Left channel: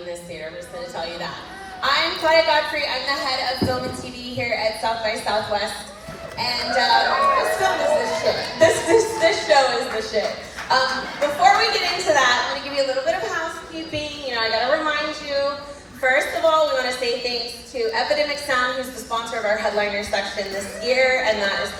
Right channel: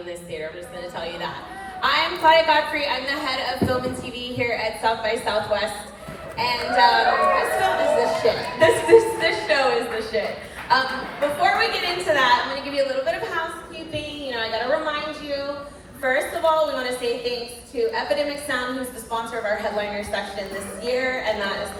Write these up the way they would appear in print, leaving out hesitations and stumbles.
in this theater. I'm just going to tell you that. I'm Claudia Godfrey. I'm the head of film and TV here at South by Southwest. And this film is the shit. This show is the shit. Before we get into that, I'm going to give you a little bit of housekeeping. You know, I got to remind you. First of all, we want to say thanks to Epidemic Sound, who's the sponsor of our headliner section this year, and that is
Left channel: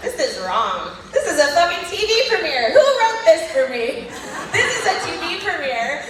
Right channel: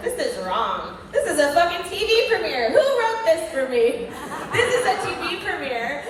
this is wrong. This is a fucking TV premiere. Who wrote this for me? This is a TV premiere,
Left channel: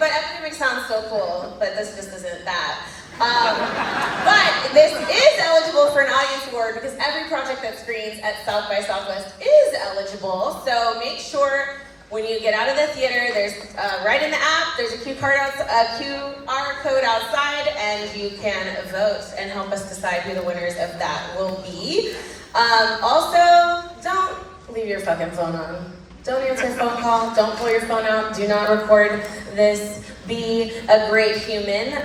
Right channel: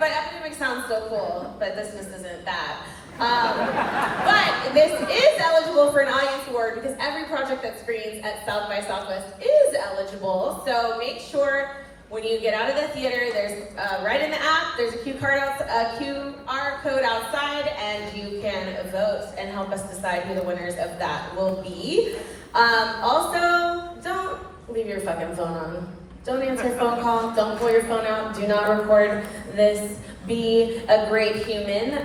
but Epidemic Sound's so cool, but this just isn't that. But this is eligible for an audience award because every project that screens at South by Southwest is eligible, so make sure when you get out of the theater, there's right in the app, there's a QR code outside, and you can vote and help us decide who the winners of that will be. Also, don't leave your fucking phone on. Don't answer a phone call, don't pull your phone out, do not record this. Be a great human.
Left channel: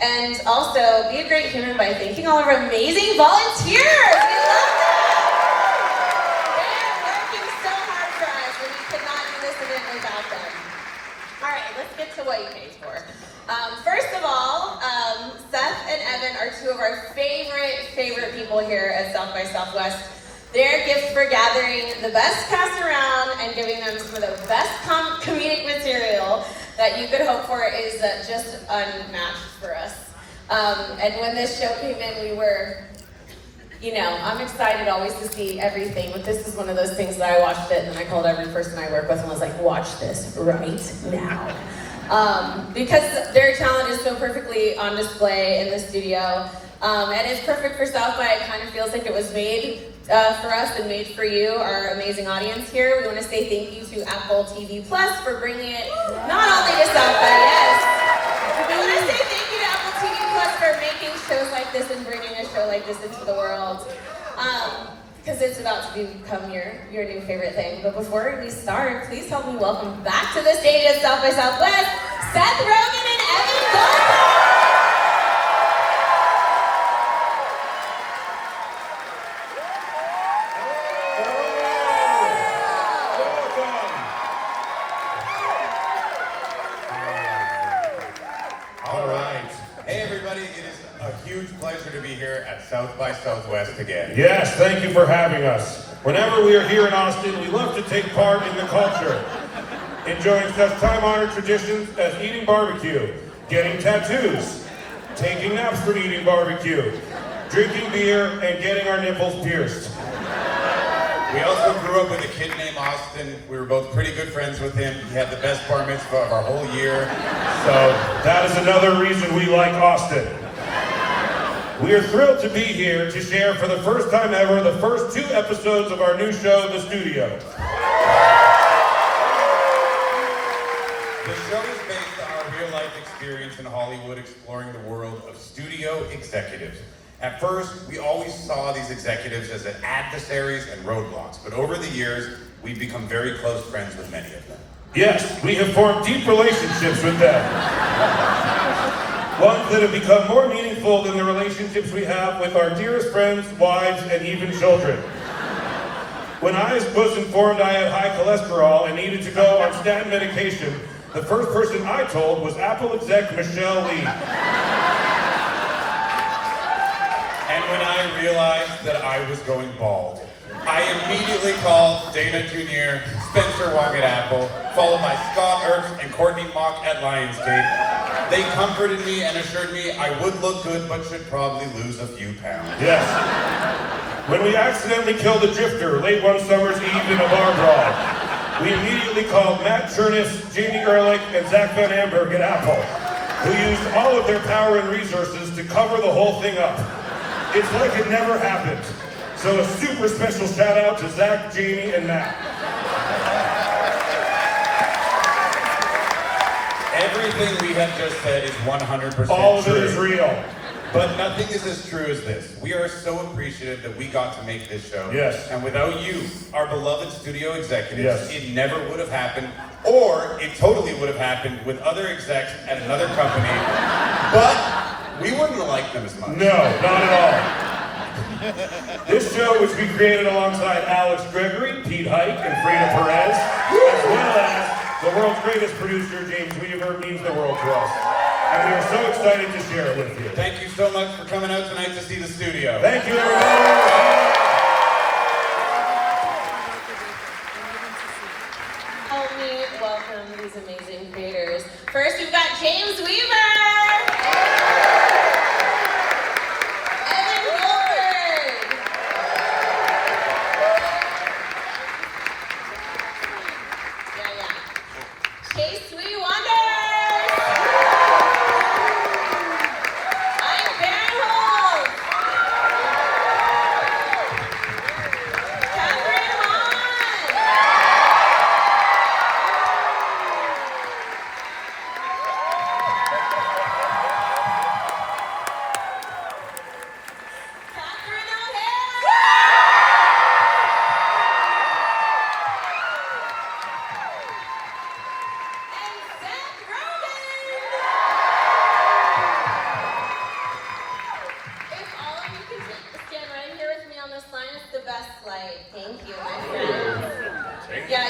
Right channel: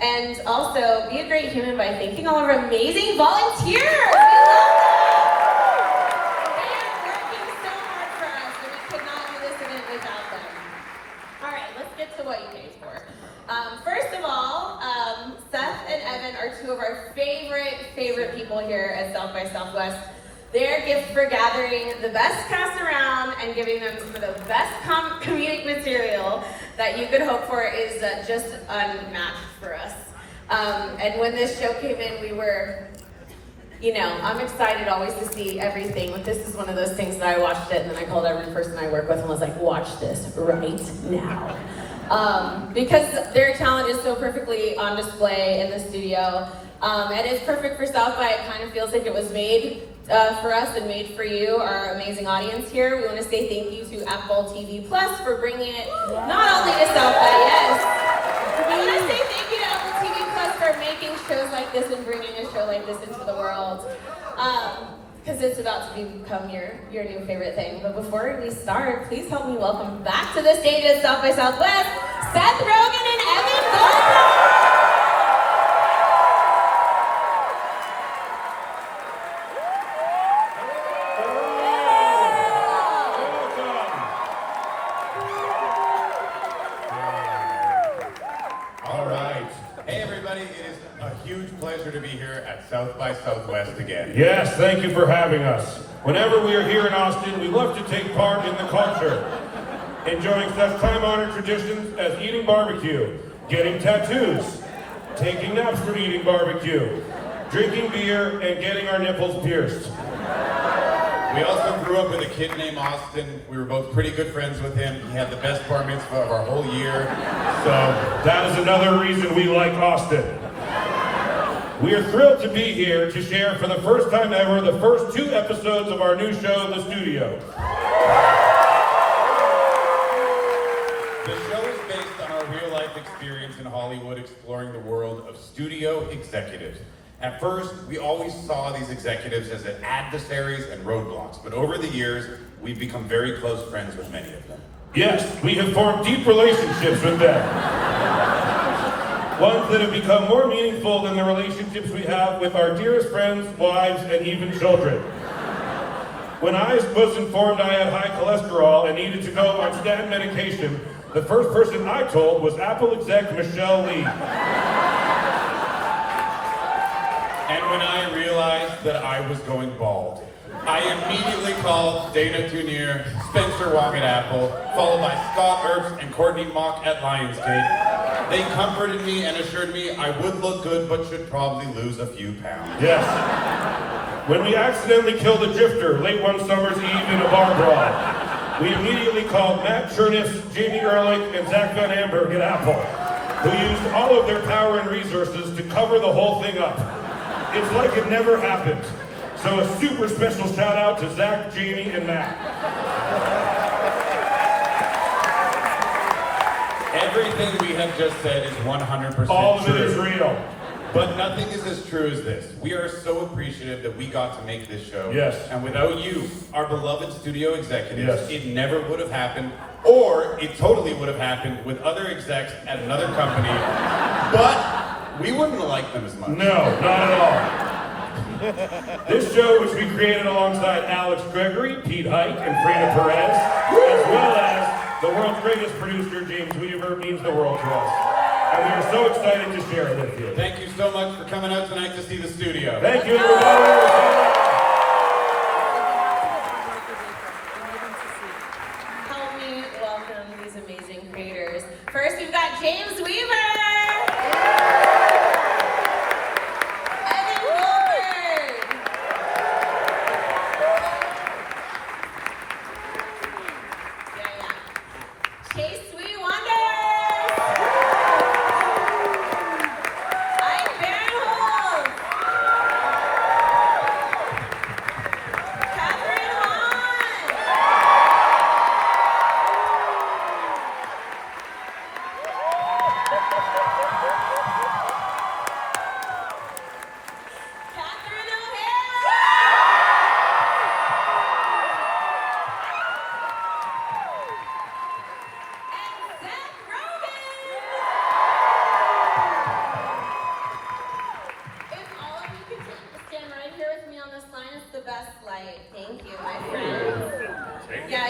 And also, be a great human by thanking all our amazing volunteers. We love them. Without them. All right, let's get to what you paid for. First of all, Seth and Evan are two of our favorite people here at South by Southwest. Their gift for gathering the best cast around and giving them some of the best comedic material that you could hope for is just unmatched for us. And when this show came in, we were, you know, I'm excited always to see everything, but this is one of those things that I watched it and then I called every person I work with and was like, watch this right now. Because their talent is so perfectly on display in the studio. And it's perfect for South by. It kind of feels like it was made for us and made for you, our amazing audience here. We want to say thank you to Apple TV Plus for bringing it not only to South by, yes. I want to say thank you to Apple TV Plus for making shows like this and bringing a show like this into the world. Because it's about to become your new favorite thing. But before we start, please help me welcome back to the stage at South by Southwest, Seth Rogen and Evan Goldberg. To be here at South by Southwest again. Yes, thank you for having us. Whenever we are here in Austin, we love to take part in the culture, enjoying such time-honored traditions as eating barbecue, getting tattoos, taking naps for eating barbecue, drinking beer, and getting our nipples pierced. We also grew up with a kid named Austin. We were both pretty good friends with him. He had the best bar mitzvah of our whole year. So that is another reason we like Austin. We are thrilled to be here to share for the first time ever the first 2 episodes of our new show, The Studio. The show is based on our real-life experience in Hollywood exploring the world of studio executives. At first, we always saw these executives as adversaries and roadblocks, but over the years, we've become very close friends with many of them. Yes, we have formed deep relationships with them. Ones that have become more meaningful than the relationships we have with our dearest friends, wives, and even children. When I was informed I had high cholesterol and needed to go on statin medication, the first person I told was Apple exec Michelle Leigh. And when I realized that I was going bald, I immediately called Dana Jr., Spencer Wong at Apple, followed by Scott Ertz and Courtney Mock at Lionsgate. They comforted me and assured me I would look good, but should probably lose a few pounds. Yes. When we accidentally killed a drifter late one summer's eve in a bar brawl, we immediately called Matt Chernis, Jamie Ehrlich, and Zach Van Amberg at Apple, who used all of their power and resources to cover the whole thing up. It's like it never happened. So a super special shout out to Zach, Jamie, and Matt. Everything we have just said is 100% true. All of it is real. But nothing is as true as this. We are so appreciative that we got to make this show. Yes. And without you, our beloved studio executives, yes, it never would have happened, or it totally would have happened with other execs at another company, but we wouldn't have liked them as much. No, not at all. This show, which we created alongside Alex Gregory, Pete Hike, and Frida Perez, as well as The world's greatest producer, James Weaver, means the world to us. And we are so excited to share it with you. Thank you so much for coming out tonight to see the studio. Thank you, everybody. Help me welcome these amazing creators. First, we've got James Weaver! And then Goldberg! Yeah. Chase Sweet Wonders! Ike Barinholtz! Kathryn Hahn! Kathryn O'Hara! And Seth Rogen! If all of you could stand right here with me on this line, it's the best light. Thank you, my friends. Yeah.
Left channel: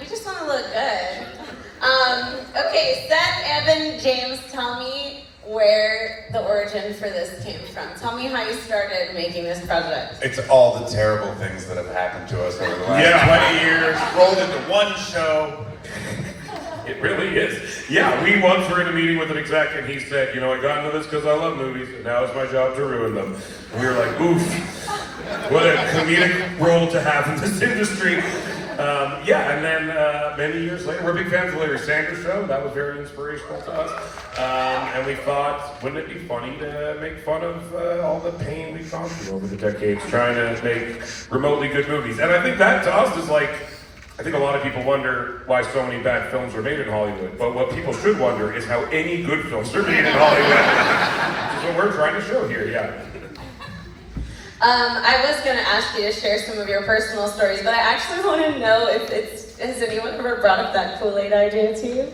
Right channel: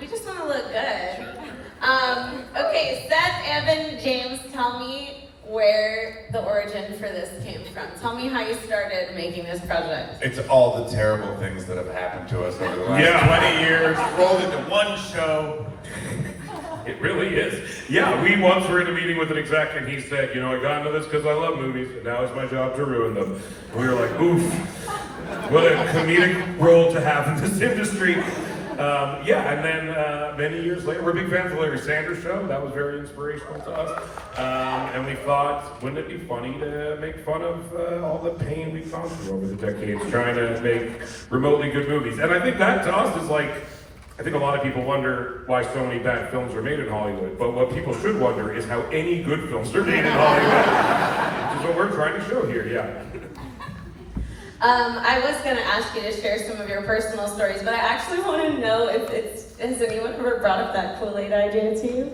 We just want to look good. Okay, Seth, Evan, James, tell me where the origin for this came from. Tell me how you started making this project. It's all the terrible things that have happened to us over the last 20 years, rolled into one show. It really is. Yeah, we once were in a meeting with an exec and he said, I got into this because I love movies, and now it's my job to ruin them. We were like, oof, what a comedic role to have in this industry. And then many years later, we're big fans of Larry Sanders' show. That was very inspirational to us. And we thought, wouldn't it be funny to make fun of all the pain we've gone through over the decades trying to make remotely good movies? And I think that to us is like, I think a lot of people wonder why so many bad films are made in Hollywood. But what people should wonder is how any good films are made in Hollywood. Which is what we're trying to show here, yeah. I was going to ask you to share some of your personal stories, but I actually want to know if has anyone ever brought up that Kool-Aid idea to you?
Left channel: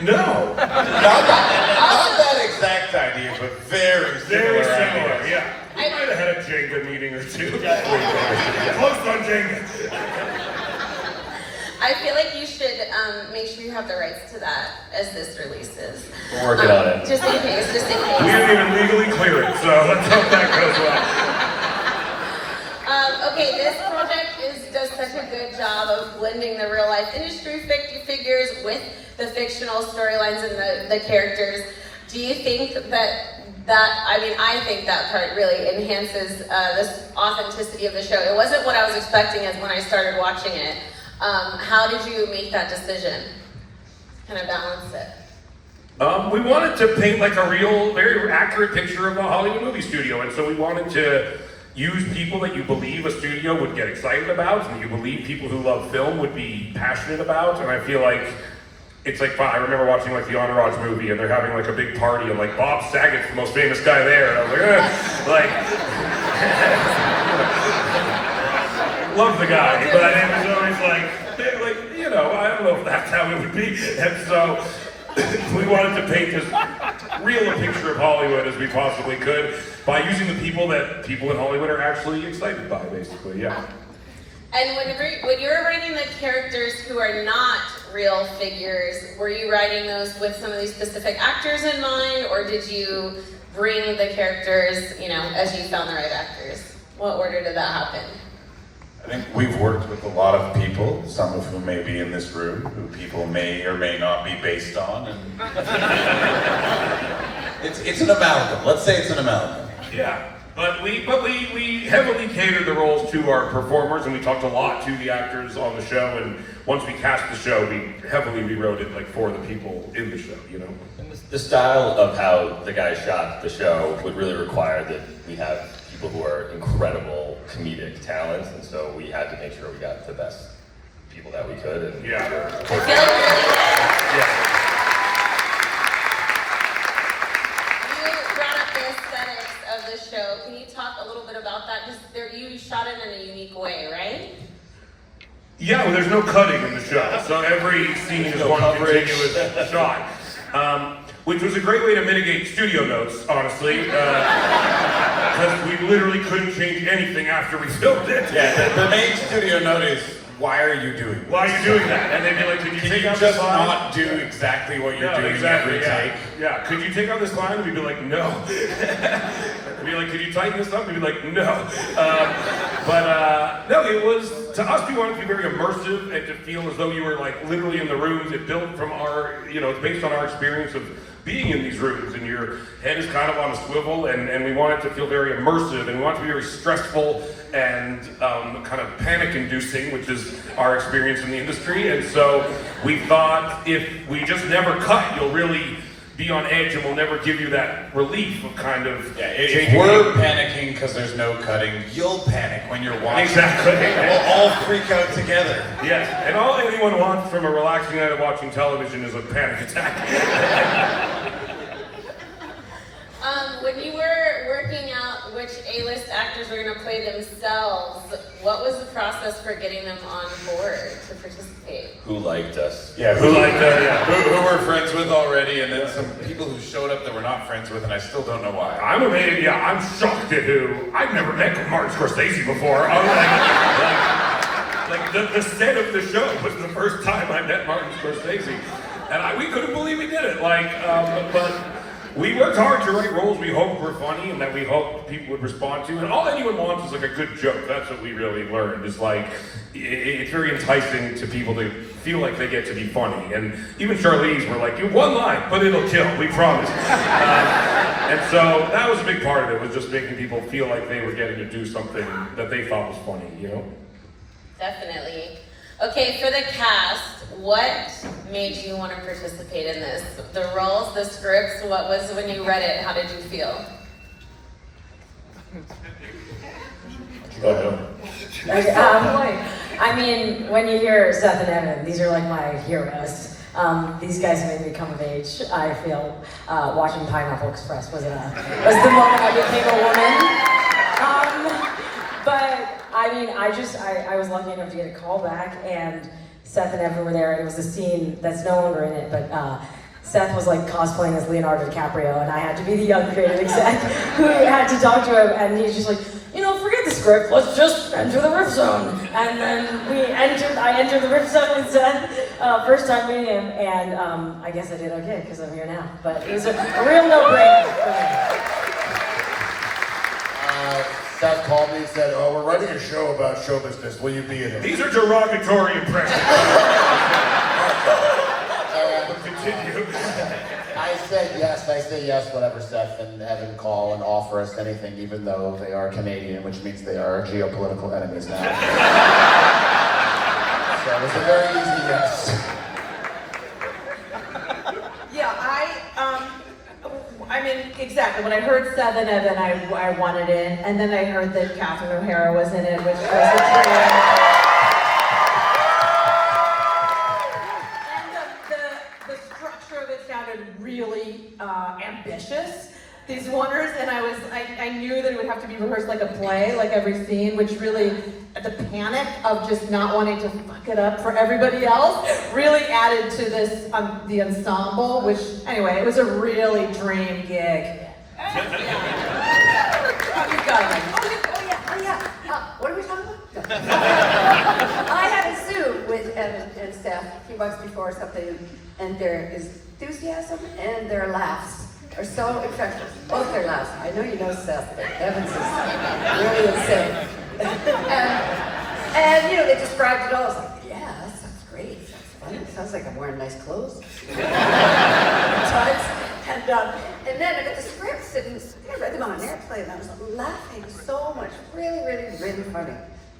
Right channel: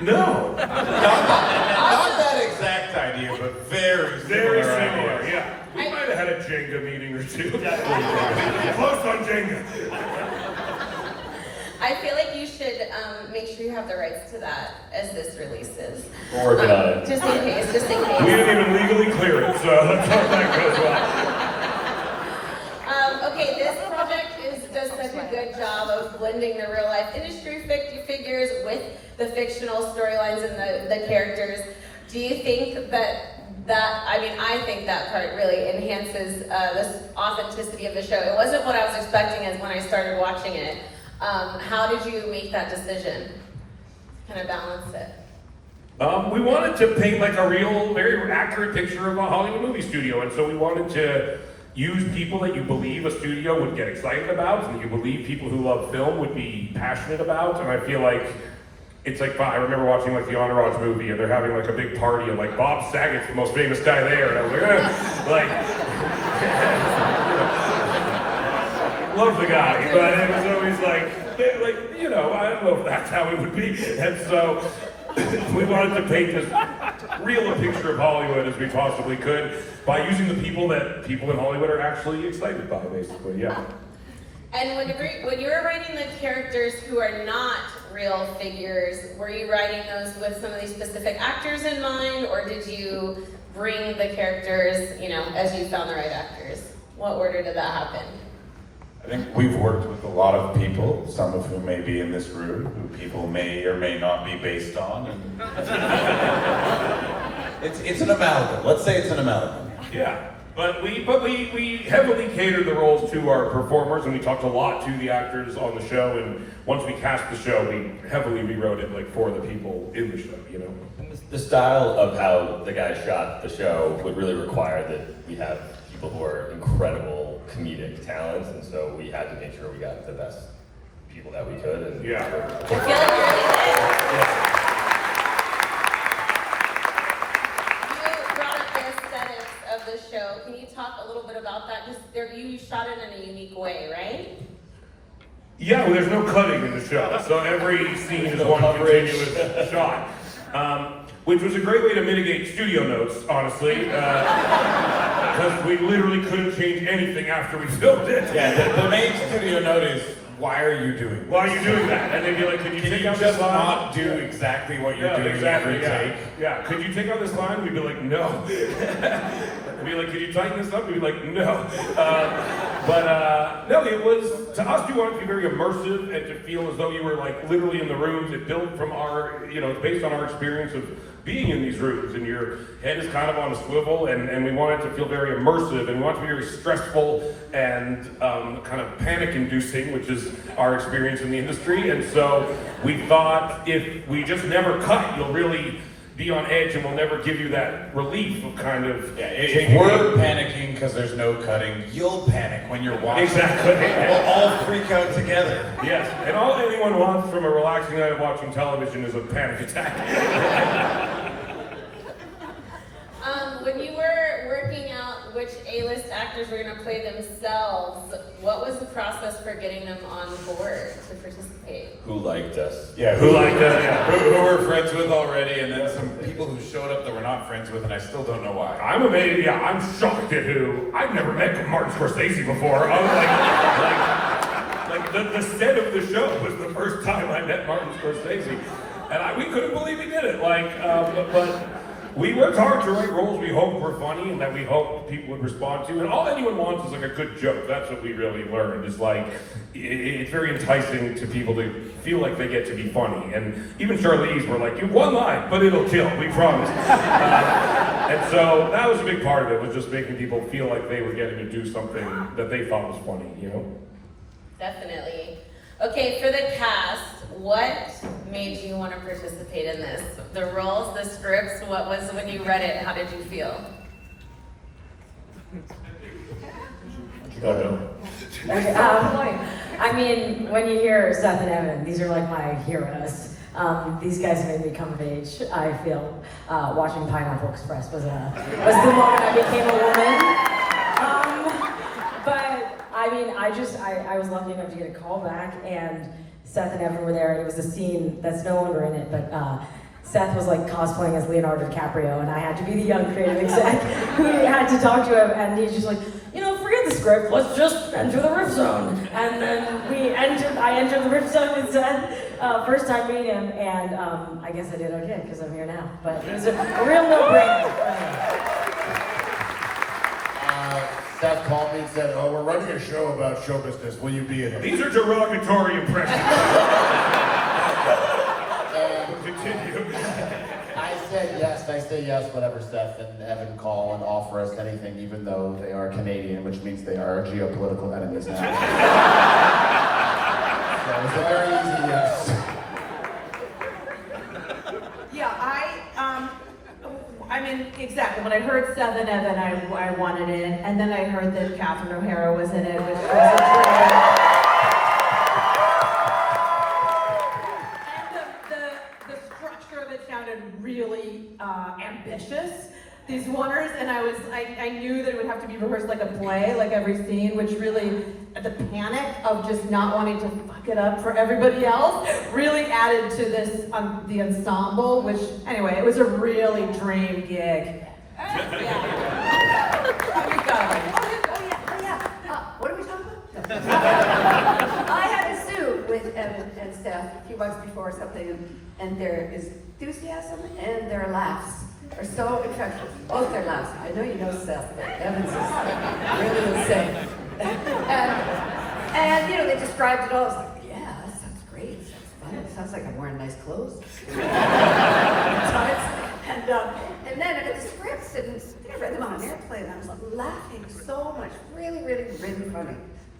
No. Not that exact idea, but very Very similar. similar, idea. yeah. We might have had a Jenga meeting or two. Close on Jenga. I feel like you should make sure you have the rights to that as this releases. We're working on it. Just in case. We didn't even legally clear it, so let's hope that goes well. Okay, this project does such a good job of blending the real life industry figures with the fictional storylines and the characters. Do you think I think that part really enhances this authenticity of the show. It wasn't what I was expecting as when I started watching it. How did you make that decision? Kind of balance it. We wanted to paint like a real, very accurate picture of a Hollywood movie studio, and so we wanted to use people that you believe a studio would get excited about, and that you believe people who love film would be passionate about, and I feel like it's like, I remember watching like the Entourage movie, and they're having like a big party, and like Bob Saget's the most famous guy there, and I was like, love the guy, but it was always like, I don't know if that's how it would be, and so we wanted to paint as real a picture of Hollywood as we possibly could by using the people that people in Hollywood are actually excited by, basically, yeah. And when you were writing the characters who are not real figures, were you writing those with some of these specific actors in mind, or did you bring the characters, as you found the right actors? What order did that happen? I think we've worked with a lot of people, some of whom may be in this room, who people may or may not be based on. And it's an amalgam. Let's say it's an amalgam. Yeah, but we heavily catered the roles to our performers, and we talked a lot to the actors on the show, and once we cast the show, we heavily rewrote it for the people in the show, The style of how the guys shot the show would really require that we have people who are incredible comedic talent, and so we had to make sure we got the best people that we could. And I feel like you really did. You brought up the aesthetics of the show. Can you talk a little bit about that? Because you shot it in a unique way, right? Yeah, well, there's no cutting in the show, so every scene is one continuous shot. Which was a great way to mitigate studio notes, honestly, because we literally couldn't change anything after we filmed it. Yeah, the main studio note is why are you doing this? Why are you doing that? And they'd be like, can you take out this just line? not do exactly what you're doing exactly, every take? Yeah, could you take out this line? We'd be like, no. We'd be like, could you tighten this up? We'd be like, no. No, it was, to us, we wanted to be very immersive and to feel as though you were like literally in the rooms. It built from our, it's based on our experience of being in these rooms, and your head is kind of on a swivel, and we want it to feel very immersive, and we want it to be very stressful and kind of panic-inducing, which is our experience in the industry. And so we thought if we just never cut, you'll really be on edge, and we'll never give you that relief of kind of. Yeah, if we're panicking because there's no cutting, you'll panic when you're watching. Exactly. We'll all freak out together. Yes, and all anyone wants from a relaxing night of watching television is a panic attack. When you were working out which A-list actors were going to play themselves, what was the process for getting them on board to participate? Who liked us? Yeah, Who liked us? Yeah. Who we're friends with already, and then some people who showed up that we're not friends with, and I still don't know why. I'm amazed, yeah, I'm shocked at who. I've never met Martin Scorsese before. The set of the show was the first time I met Martin Scorsese. And we couldn't believe we did it. But we worked hard to write roles we hoped were funny and that we hoped people would respond to. And all anyone wants is like a good joke. That's what we really learned. It's like, it's very enticing to people to feel like they get to be funny. And even Charlize were like, you one line, but it'll kill, we promise. And so that was a big part of it, was just making people feel like they were getting to do something that they thought was funny, Definitely. Okay, for the cast, what made you want to participate in this? The roles, the scripts, what was when you read it, how did you feel? I mean, when you hear Seth and Evan, these are like my heroes. These guys made me come of age, I feel. Watching Pineapple Express was the moment I became a woman. But I mean, I was lucky enough to get a call back, and Seth and Evan were there, and it was a scene that's no longer in it, but Seth was like cosplaying as Leonardo DiCaprio, and I had to be the young creative exec who had to talk to him, and he's just like, forget the script, let's just enter the riff zone. And then I entered the riff zone with Seth, first time meeting him, and I guess I did okay, because I'm here now. But it was a real no-brainer. Seth called me and said, oh, we're running a show about show business, will you be in it? These are derogatory impressions. I say yes, whenever Seth and Evan call and offer us anything, even though they are Canadian, which means they are geopolitical enemies now. So it was a very easy yes. Yeah, I mean, exactly. When I heard Seth and Evan, I wanted it, and then I heard that Kathryn O'Hara was in it, which was really ambitious, these wonders, and I knew that it would have to be rehearsed like a play, like every scene, which really, the panic of just not wanting to fuck it up for everybody else really added to this, the ensemble, which, anyway, it was a really dream gig. What are we talking about? I had a Sue with Evan and Seth a few months before something, and their enthusiasm and their laughs are so infectious. Both their laughs. I know you know Seth, but Evan's is really insane. And they described it all. I was like, yeah, that sounds great. Sounds fun. It sounds like I'm wearing nice clothes. And then I got the scripts and I read them on an airplane, and I was laughing so much. Really, really, really funny.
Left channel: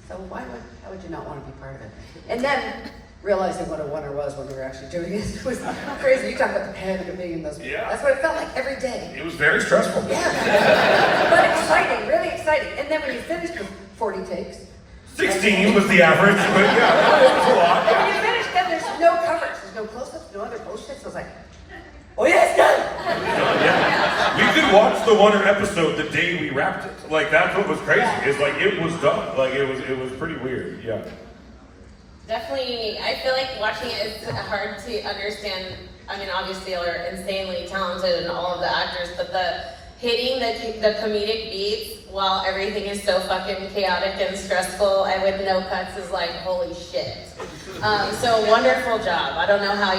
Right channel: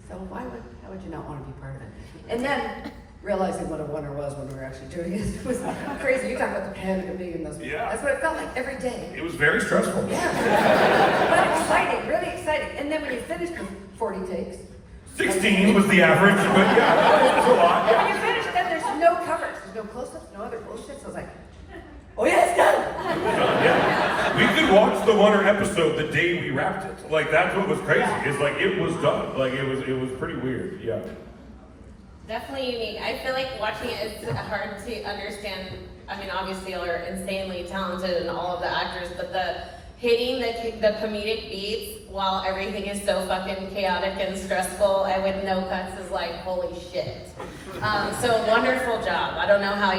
So how would you not want to be part of it? And then realizing what a wonder was when we were actually doing it was crazy. You talk about the panic of being in those. Yeah. That's what it felt like every day. It was very stressful. Yeah. But exciting, really exciting. And then when you finished with 40 takes. 16 was the average, but yeah, it was a lot. And when you finished, then there's no covers, there's no close-ups, no other bullshit. So I was like, oh yeah, it's done. We could watch the Wonder episode the day we wrapped it. Like, that's what was crazy. It's like it was done. Like it was pretty weird. Yeah. Definitely unique. I feel like watching it is hard to understand. I mean, obviously they're insanely talented and all of the actors, but the hitting the comedic beats while everything is so fucking chaotic and stressful, I would no cuts is like, holy shit. So wonderful job. I don't know how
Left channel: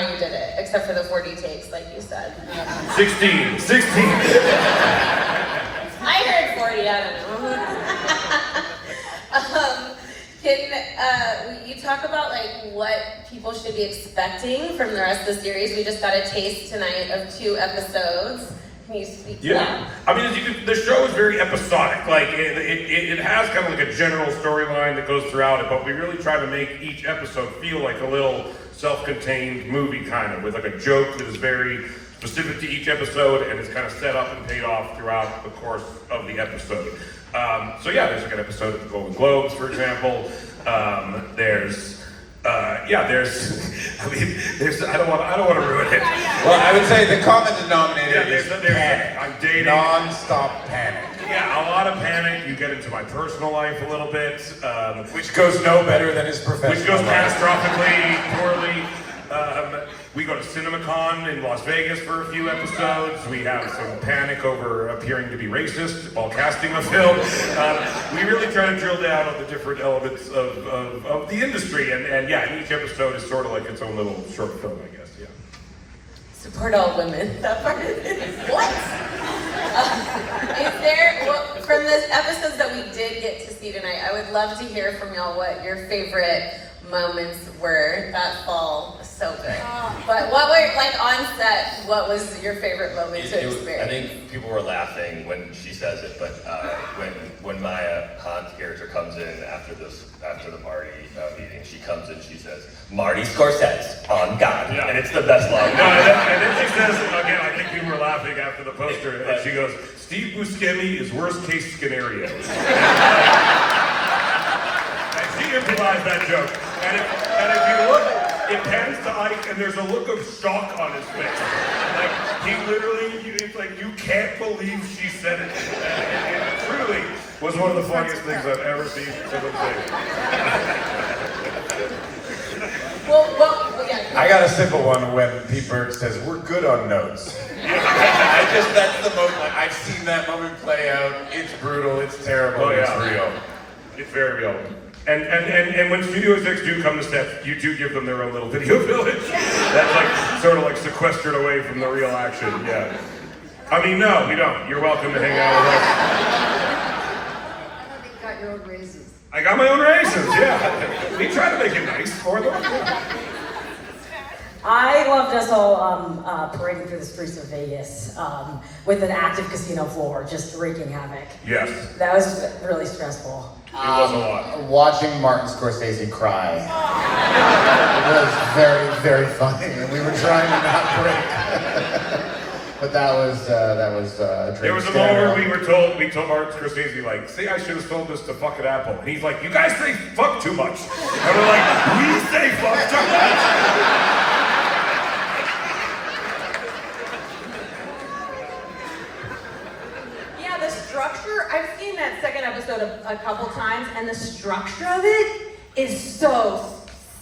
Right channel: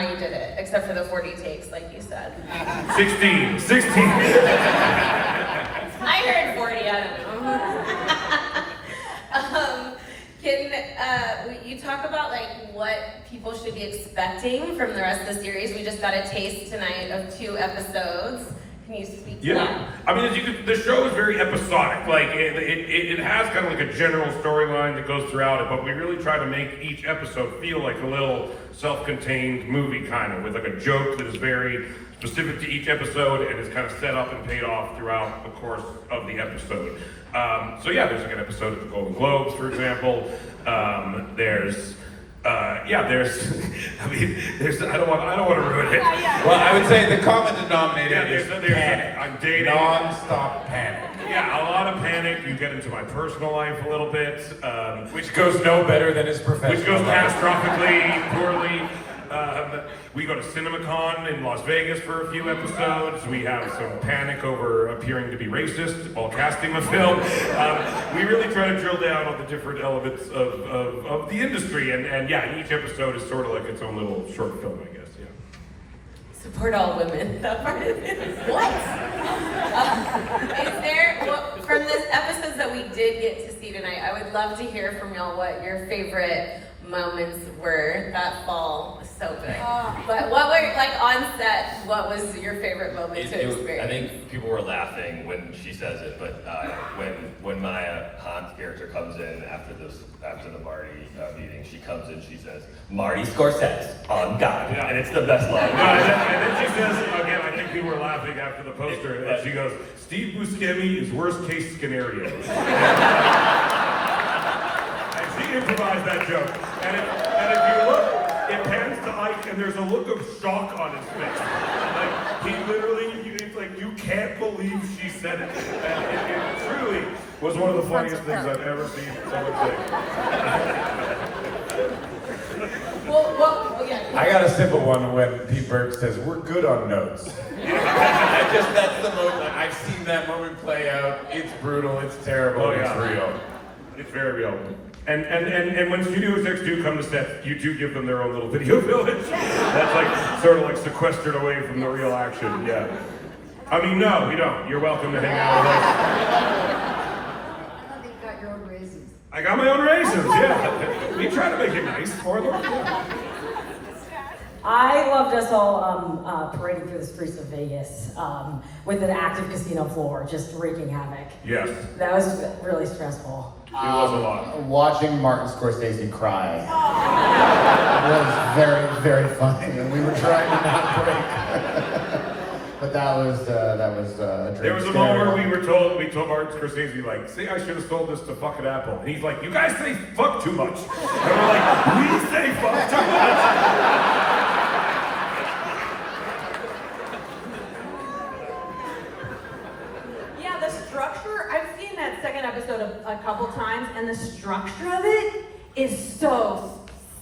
you did it, except for the 40 takes, like you said. 16. I heard 40, I don't know. You talk about like what people should be expecting from the rest of the series. We just got a taste tonight of 2 episodes. Can you speak to that? I mean, the show is very episodic. Like, it has kind of like a general storyline that goes throughout it, but we really try to make each episode feel like a little self-contained movie, kind of, with like a joke that is very specific to each episode and is kind of set up and paid off throughout the course of the episode. So yeah, there's like an episode of the Golden Globes, for example. There's I don't want to ruin it. Well, I would say the common denominator is panic. I'm dating. Non-stop panic. Yeah, a lot of panic. You get into my personal life a little bit. Which goes no better than his professional Which goes life. catastrophically poorly. We go to CinemaCon in Las Vegas for a few episodes. We have some panic over appearing to be racist while casting a film. We really try to drill down on the different elements of the industry. And yeah, each episode is sort of like its own little short film, I guess. Yeah. Support all women. That part is what? Is there, well, from the episodes that we did get to see tonight, I would love to hear from y'all what your favorite moments were that fall. So good. But what were, like on set, what was your favorite moment to experience? I think people were laughing when she says it, but when my Hahn's character comes in after the Marty meeting, she comes in, she says, "Marty Scorsese's on God," and it's the best line. And then she says, again, I think people were laughing after the poster, and she goes, "Steve Buscemi is worst case scenario." And she improvised that joke. And if you look, it pans to Ike, and there's a look of shock on his face. Like, he literally, it's like, you can't believe she said it. And it truly was one of the funniest things I've ever seen someone say. Well, okay. I got a simple one when Pete Berg says, "We're good on notes." That's the moment. I've seen that moment play out. It's brutal, it's terrible, it's real. It's very real. And when studio execs do come to set, you do give them their own little video village. That's like sort of like sequestered away from the real action. Yeah. I mean, no, we don't. You're welcome to hang out with us. I think you got your own raisins. I got my own raisins. Yeah. We try to make it nice for them. I loved us all parading through the streets of Vegas with an active casino floor, just wreaking havoc. Yes. That was really stressful. It was a lot. Watching Martin Scorsese cry was very, very funny, and we were trying to not break. But that was a There was a moment where we told Martin Scorsese, like, "Say I should have sold this to fucking Apple." And he's like, "You guys say fuck too much." And we're like, "We say fuck too much." I've seen that second episode a couple times, and the structure of it is so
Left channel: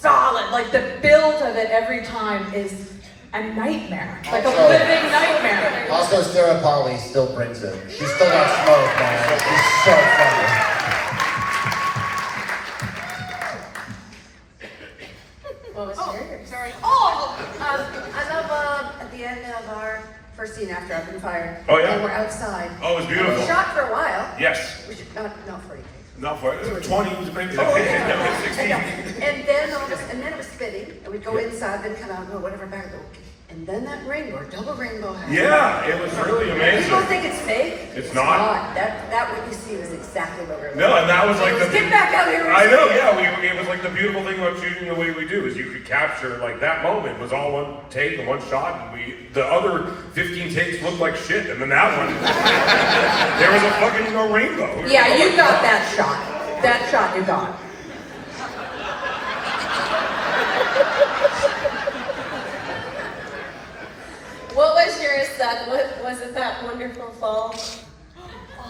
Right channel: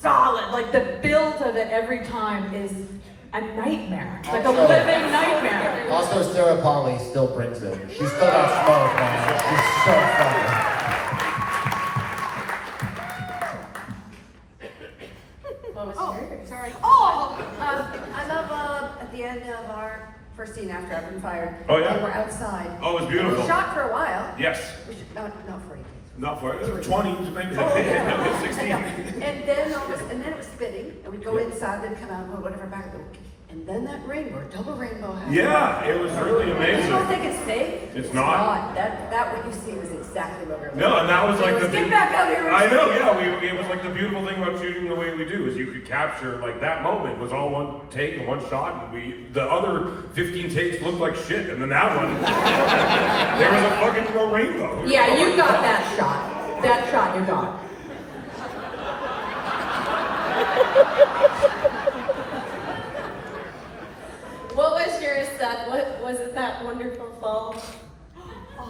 solid. Like the build of it every time is a nightmare. Like a living nightmare. Also, Sarah Polly still brings it. She's still got smoke, man. She's so funny. Sorry. I love at the end of our first scene after I've been fired. Oh, yeah? And we're outside. Oh, it was beautiful. We shot for a while. Yes. We should not 40 takes. Not for 20, maybe 16. And then it was spinning, and we'd go inside, then kind of go whatever back. And then that rainbow, double rainbow. Yeah, it was really amazing. People think it's fake. It's not. That what you see is exactly what we're. No, and that was like the. Get back out here. I know, yeah. It was like the beautiful thing about shooting the way we do is you could capture like that moment was all one take and one shot, and the other 15 takes looked like shit, and then that one there was a fucking rainbow. Yeah, you got that shot. That shot you got. What was yours, Seth? Was it that wonderful fall?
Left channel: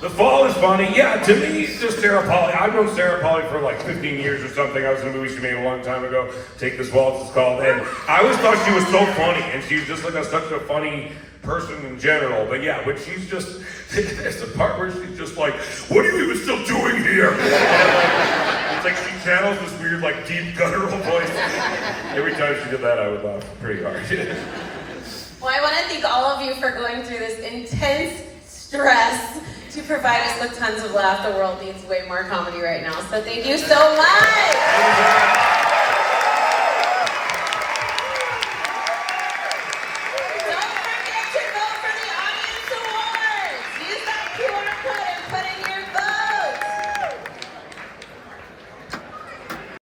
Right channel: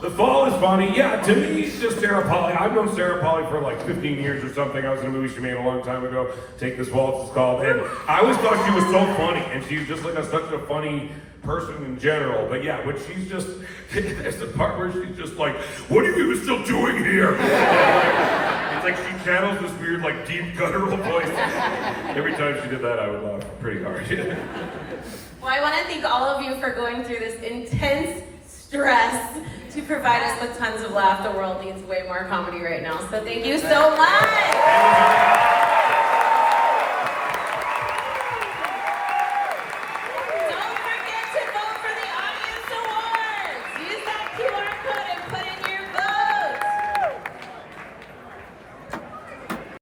The Fall is funny. Yeah, to me, it's just Sarah Polley. I've known Sarah Polley for like 15 years or something. I was in a movie she made a long time ago. Take This Waltz, it's called. And I always thought she was so funny, and she's just like such a funny person in general. But yeah, but she's just, there's the part where she's just like, what are you still doing here? It's like she channels this weird, like, deep guttural voice. Every time she did that, I would laugh pretty hard. Well, I want to thank all of you for going through this intense stress to provide us with tons of laugh. The world needs way more comedy right now, so thank you so much!